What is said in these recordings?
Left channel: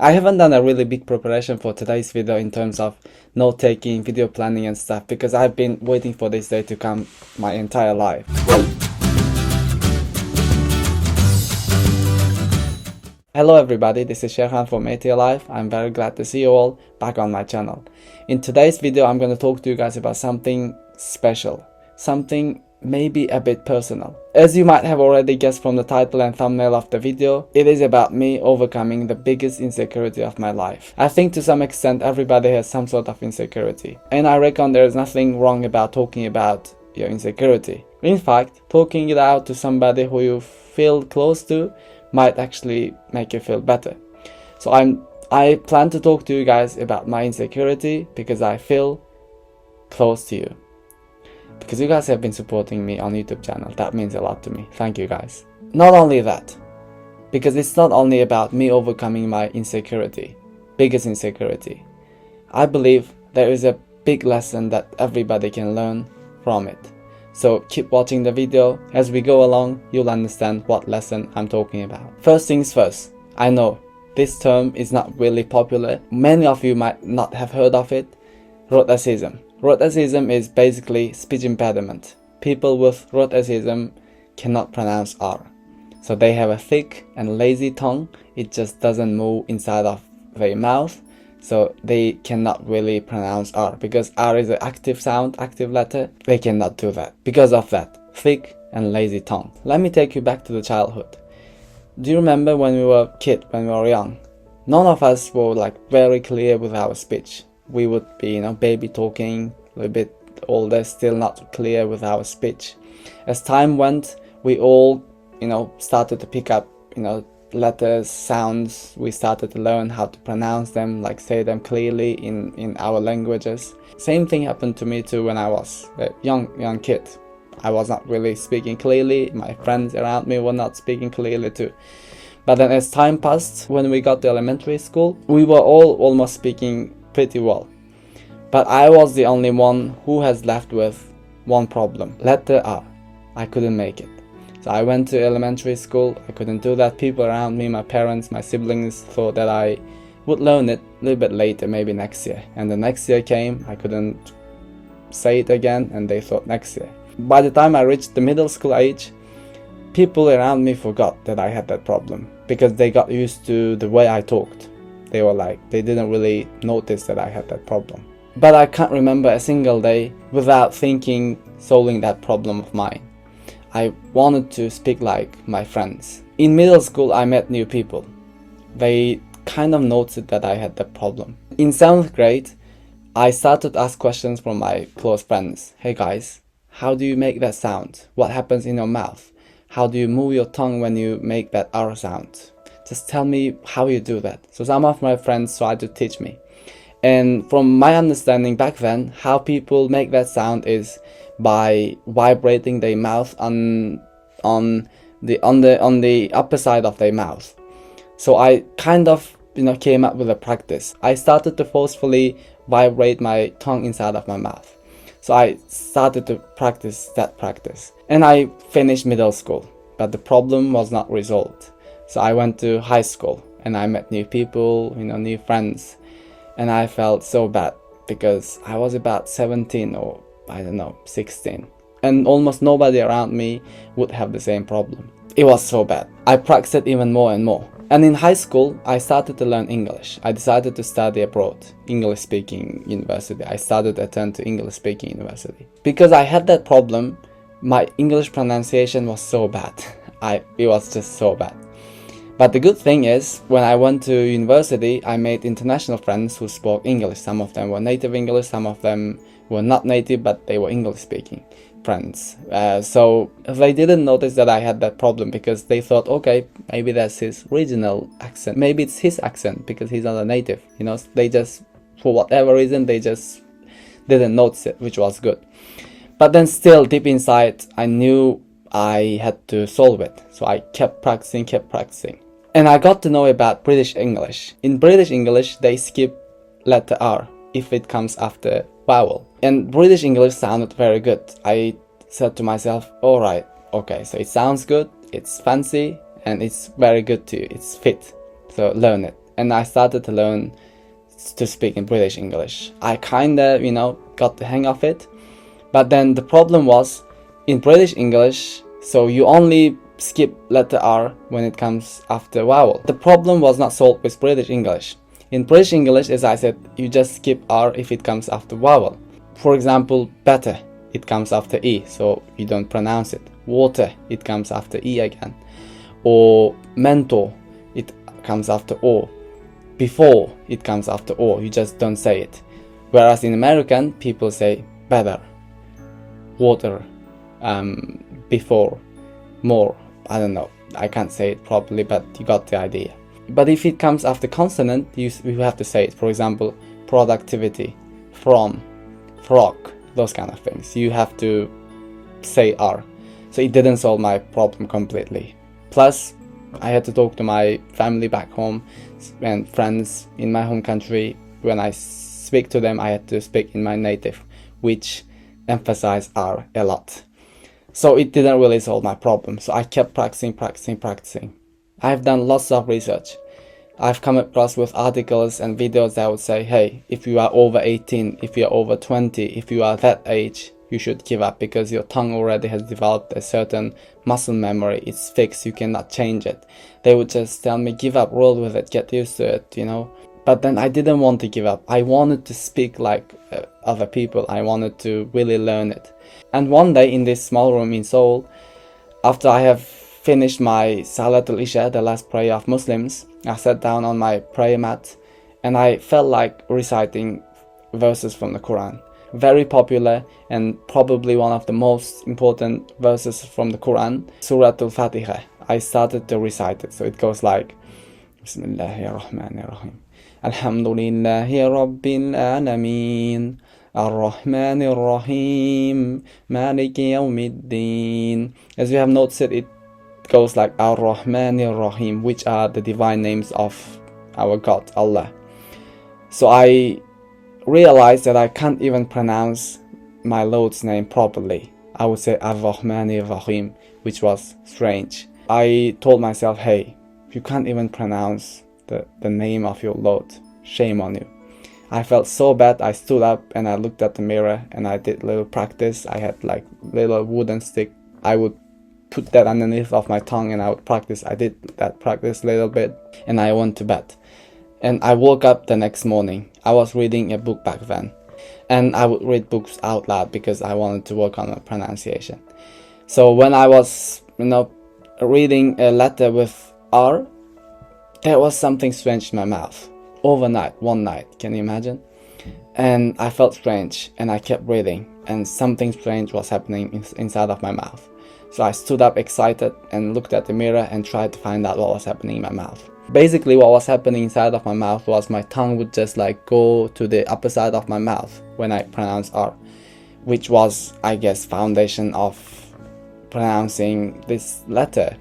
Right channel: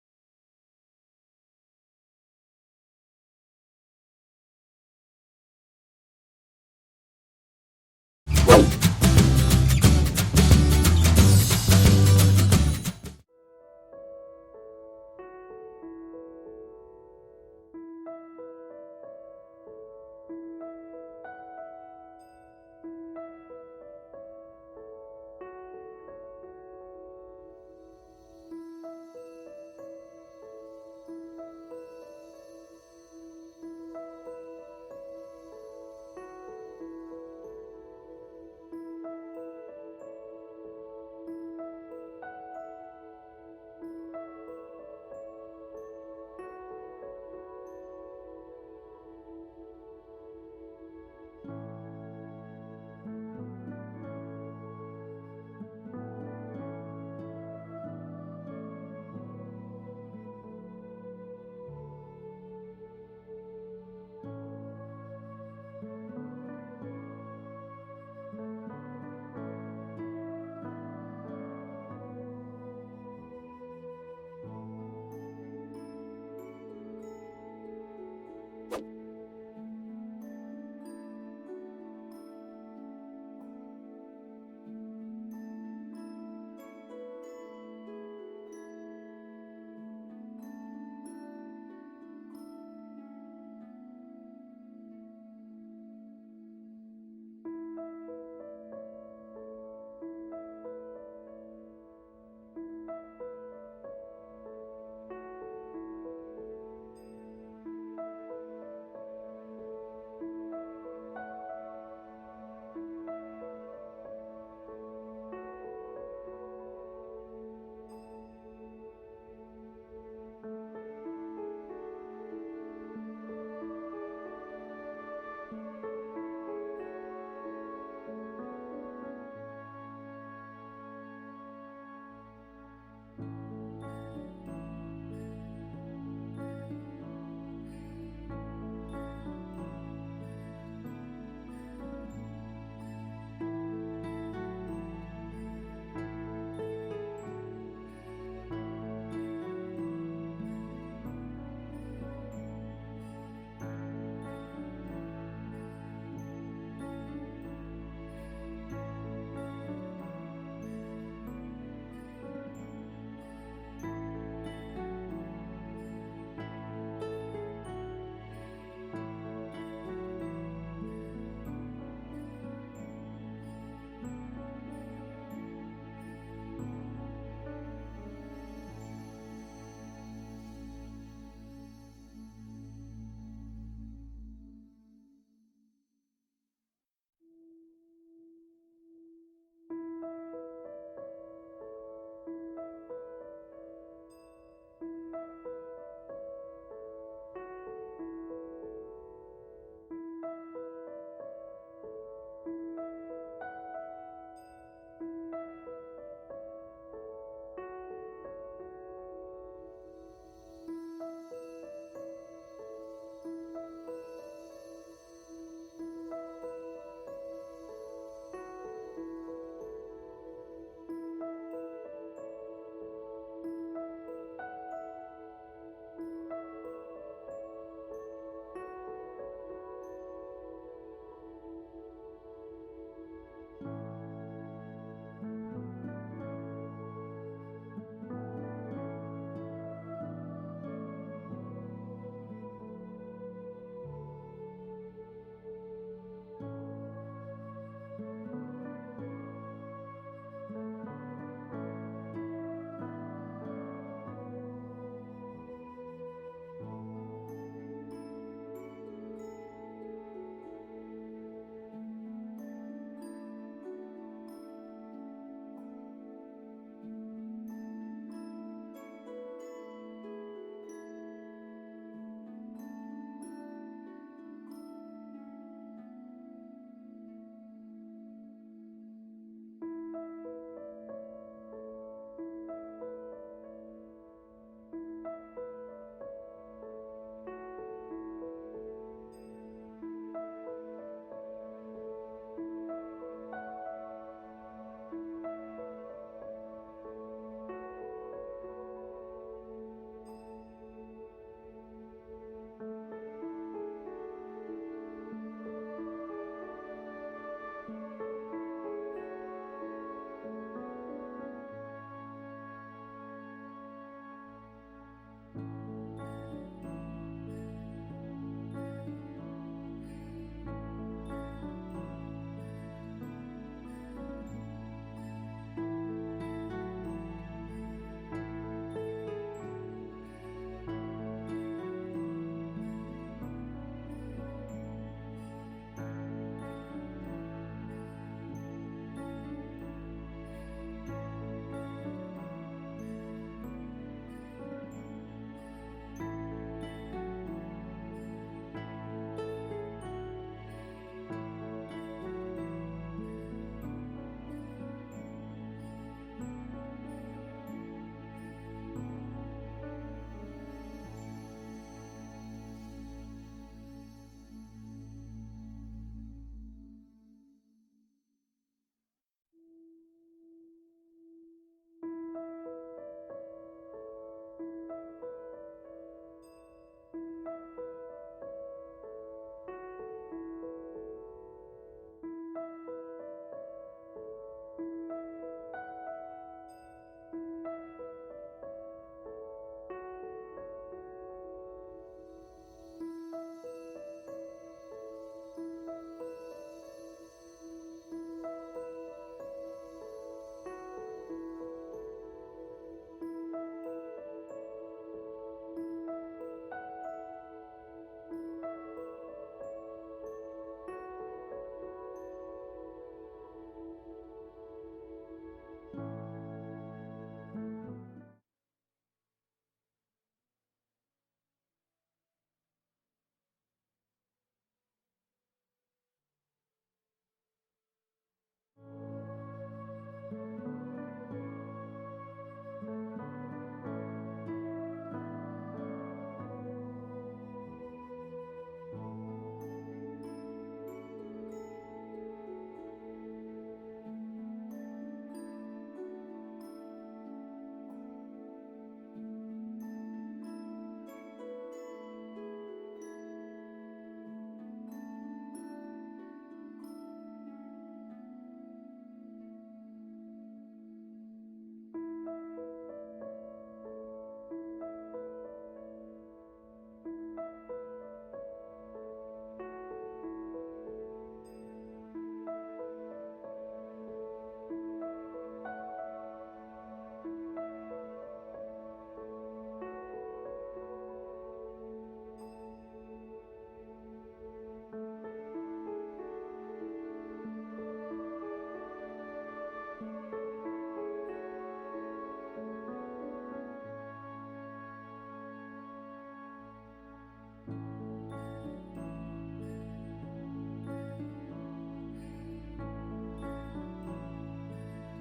I haven't done a really big preparation for today's video in terms of note-taking, video planning and stuff because I've been waiting for this day to come my entire life. Hello everybody, this is Shekhan from AT Life. I'm very glad to see you all back on my channel. In today's video, I'm going to talk to you guys about something special, something maybe a bit personal. As you might have already guessed from the title and thumbnail of the video, it is about me overcoming the biggest insecurity of my life. I think to some extent everybody has some sort of insecurity, and I reckon there is nothing wrong about talking about your insecurity. In fact, talking it out to somebody who you feel close to might actually make you feel better. So I plan to talk to you guys about my insecurity because I feel close to you. Because you guys have been supporting me on YouTube channel. That means a lot to me. Thank you guys. Not only that, because it's not only about me overcoming my insecurity, biggest insecurity. I believe there is a big lesson that everybody can learn from it. So keep watching the video. As we go along, you'll understand what lesson I'm talking about. First things first, I know this term is not really popular. Many of you might not have heard of it. Rhotacism. Rhotacism is basically speech impediment. People with rhotacism cannot pronounce R. So they have a thick and lazy tongue. It just doesn't move inside of their mouth. So they cannot really pronounce R because R is an active sound, active letter. They cannot do that because of that thick and lazy tongue. Let me take you back to the childhood. Do you remember when we were kids, when we were young? None of us were like very clear with our speech. We would be, baby talking, a little bit older, still not clear with our speech. As time went, we all, started to pick up, letters, sounds. We started to learn how to pronounce them, like say them clearly in our languages. Same thing happened to me too when I was a young kid. I was not really speaking clearly. My friends around me were not speaking clearly too. But then as time passed, when we got to elementary school, we were all almost speaking pretty well. But I was the only one who has left with one problem. Letter R. I couldn't make it. So I went to elementary school, I couldn't do that. People around me, my parents, my siblings thought that I would learn it a little bit later, maybe next year. And the next year came, I couldn't say it again, and they thought next year. By the time I reached the middle school age, people around me forgot that I had that problem because they got used to the way I talked. They were like, they didn't really notice that I had that problem. But I can't remember a single day without solving that problem of mine. I wanted to speak like my friends. In middle school, I met new people. They kind of noticed that I had that problem. In 7th grade, I started to ask questions from my close friends. Hey guys, how do you make that sound? What happens in your mouth? How do you move your tongue when you make that R sound? Just tell me how you do that. So some of my friends tried to teach me. And from my understanding back then, how people make that sound is by vibrating their mouth on the upper side of their mouth. So I kind of came up with a practice. I started to forcefully vibrate my tongue inside of my mouth. So I started to practice that practice. And I finished middle school, but the problem was not resolved. So I went to high school and I met new people, new friends. And I felt so bad because I was about 17 or 16. And almost nobody around me would have the same problem. It was so bad. I practiced even more and more. And in high school, I started to learn English. I decided to study abroad, English-speaking university. I started to attend to English-speaking university. Because I had that problem, my English pronunciation was so bad. It was just so bad. But the good thing is, when I went to university, I made international friends who spoke English. Some of them were native English, some of them were not native, but they were English-speaking friends. So they didn't notice that I had that problem because they thought, okay, maybe that's his regional accent. Maybe it's his accent because he's not a native. They just, for whatever reason, they just didn't notice it, which was good. But then still, deep inside, I knew I had to solve it. So I kept practicing. And I got to know about British English. In British English, they skip letter R if it comes after vowel. And British English sounded very good. I said to myself, alright, okay, so it sounds good, it's fancy, and it's very good to you, it's fit. So learn it. and I started to learn to speak in British English. I kinda, got the hang of it. But then the problem was in British English, so you only skip letter R when it comes after vowel. The problem was not solved with British English. In British English, as I said, you just skip R if it comes after vowel. For example, better, it comes after E, so you don't pronounce it. Water, it comes after E again. Or mentor, it comes after O. Before, it comes after O, you just don't say it. Whereas in American, people say better, water, before, more. I don't know, I can't say it properly, but you got the idea. But if it comes after consonant, you have to say it. For example, productivity, from, frog, those kind of things. You have to say R. So it didn't solve my problem completely. Plus, I had to talk to my family back home and friends in my home country. When I speak to them, I had to speak in my native, which emphasized R a lot. So it didn't really solve my problem. So I kept practicing. I've done lots of research. I've come across with articles and videos that would say, hey, if you are over 18, if you are over 20, if you are that age, you should give up because your tongue already has developed a certain muscle memory. It's fixed, you cannot change it. They would just tell me, give up, roll with it, get used to it, But then I didn't want to give up. I wanted to speak like other people. I wanted to really learn it. And one day in this small room in Seoul, after I have finished my Salatul Isha, the last prayer of Muslims, I sat down on my prayer mat and I felt like reciting verses from the Quran. Very popular and probably one of the most important verses from the Quran, Suratul Fatiha. I started to recite it. So it goes like, Bismillahirrahmanirrahim. Alhamdulillahi Rabbil Alameen. Ar-Rahmanir Rahim. Maliki Yawmiddin. As you have noticed, it goes like Ar-Rahmanir Rahim, which are the divine names of our God, Allah. So I realized that I can't even pronounce my Lord's name properly. I would say Ar-Rahmanir Rahim, which was strange. I told myself, hey, you can't even pronounce the name of your Lord. Shame on you. I felt so bad. I stood up and I looked at the mirror and I did little practice. I had like little wooden stick. I would put that underneath of my tongue and I would practice. I did that practice a little bit and I went to bed. And I woke up the next morning. I was reading a book back then. And I would read books out loud because I wanted to work on my pronunciation. So when I was, reading a letter with R, there was something strange in my mouth. Overnight, one night, can you imagine? And I felt strange and I kept reading and something strange was happening inside of my mouth. So I stood up excited and looked at the mirror and tried to find out what was happening in my mouth. Basically what was happening inside of my mouth was my tongue would just like go to the upper side of my mouth when I pronounce R, which was, I guess, foundation of pronouncing this letter,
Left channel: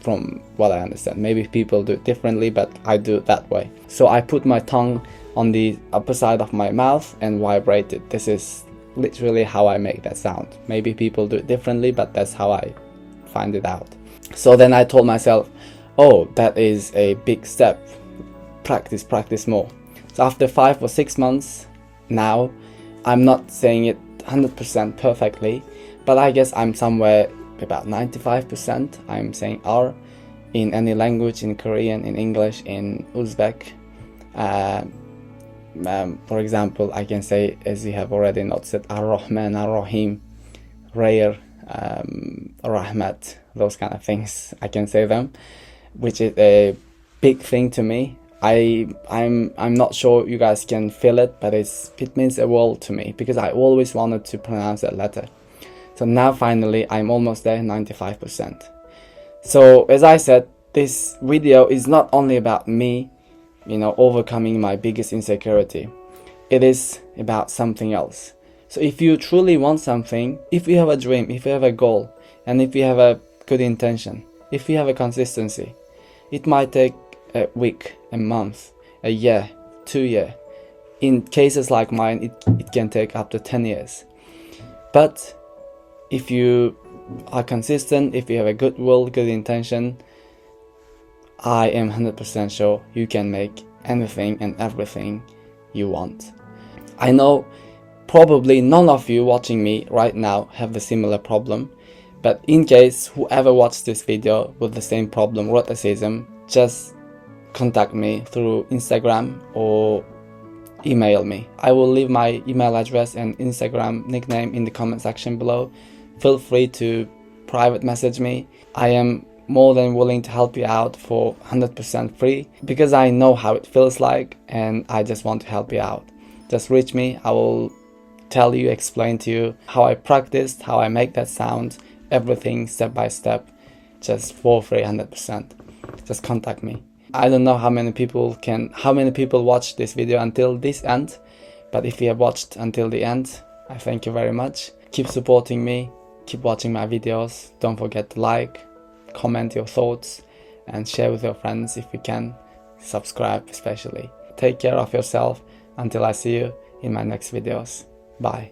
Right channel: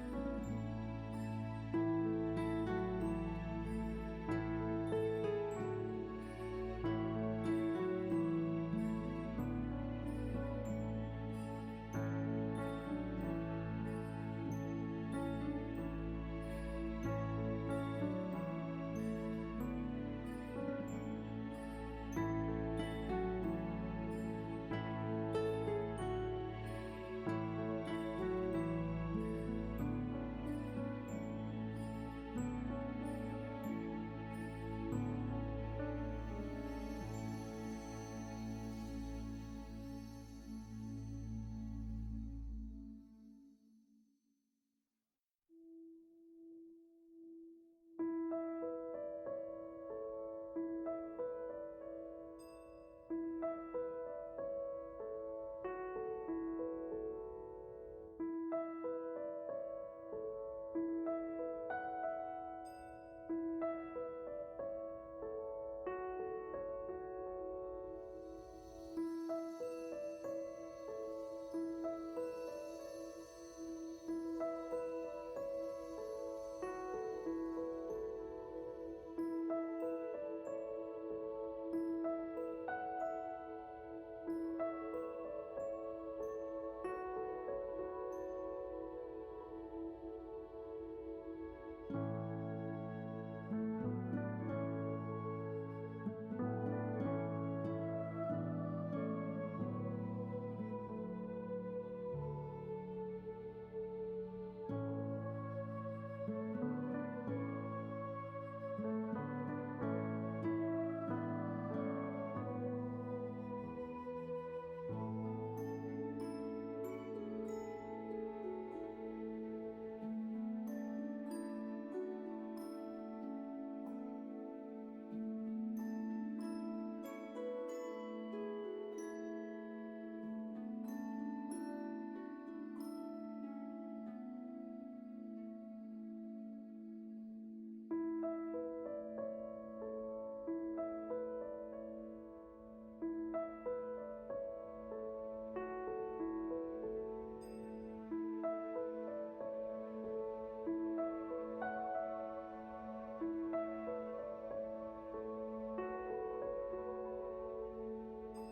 from what I understand. Maybe people do it differently, but I do it that way. So I put my tongue on the upper side of my mouth and vibrated. This is literally how I make that sound. Maybe people do it differently, but that's how I find it out. So then I told myself, oh, that is a big step. Practice more. So after 5 or 6 months now, I'm not saying it 100% perfectly, but I guess I'm somewhere about 95%. I'm saying R in any language, in Korean, in English, in Uzbek. For example, I can say, as you have already noticed, Ar-Rahman, Ar-Rahim, rare, Rahmat, those kind of things. I can say them, which is a big thing to me. I'm not sure you guys can feel it, but it means a world to me because I always wanted to pronounce that letter. So now finally I'm almost there, 95%. So as I said, this video is not only about me, overcoming my biggest insecurity. It is about something else. So if you truly want something, if you have a dream, if you have a goal, and if you have a good intention, if you have a consistency, it might take a week, a month, a year, 2 years. In cases like mine, it can take up to 10 years. But if you are consistent, if you have a good will, good intention, I am 100% sure you can make anything and everything you want. I know probably none of you watching me right now have the similar problem, but in case whoever watched this video with the same problem, autism, just contact me through Instagram or email me. I will leave my email address and Instagram nickname in the comment section below. Feel free to private message me. I am more than willing to help you out for 100% free because I know how it feels like and I just want to help you out. Just reach me. I will tell you, explain to you how I practiced, how I make that sound, everything step by step, just for free, 100%. Just contact me. I don't know how many people watch this video until this end, but if you have watched until the end, I thank you very much. Keep supporting me, keep watching my videos. Don't forget to like, comment your thoughts, and share with your friends if you can. Subscribe especially. Take care of yourself until I see you in my next videos. Bye.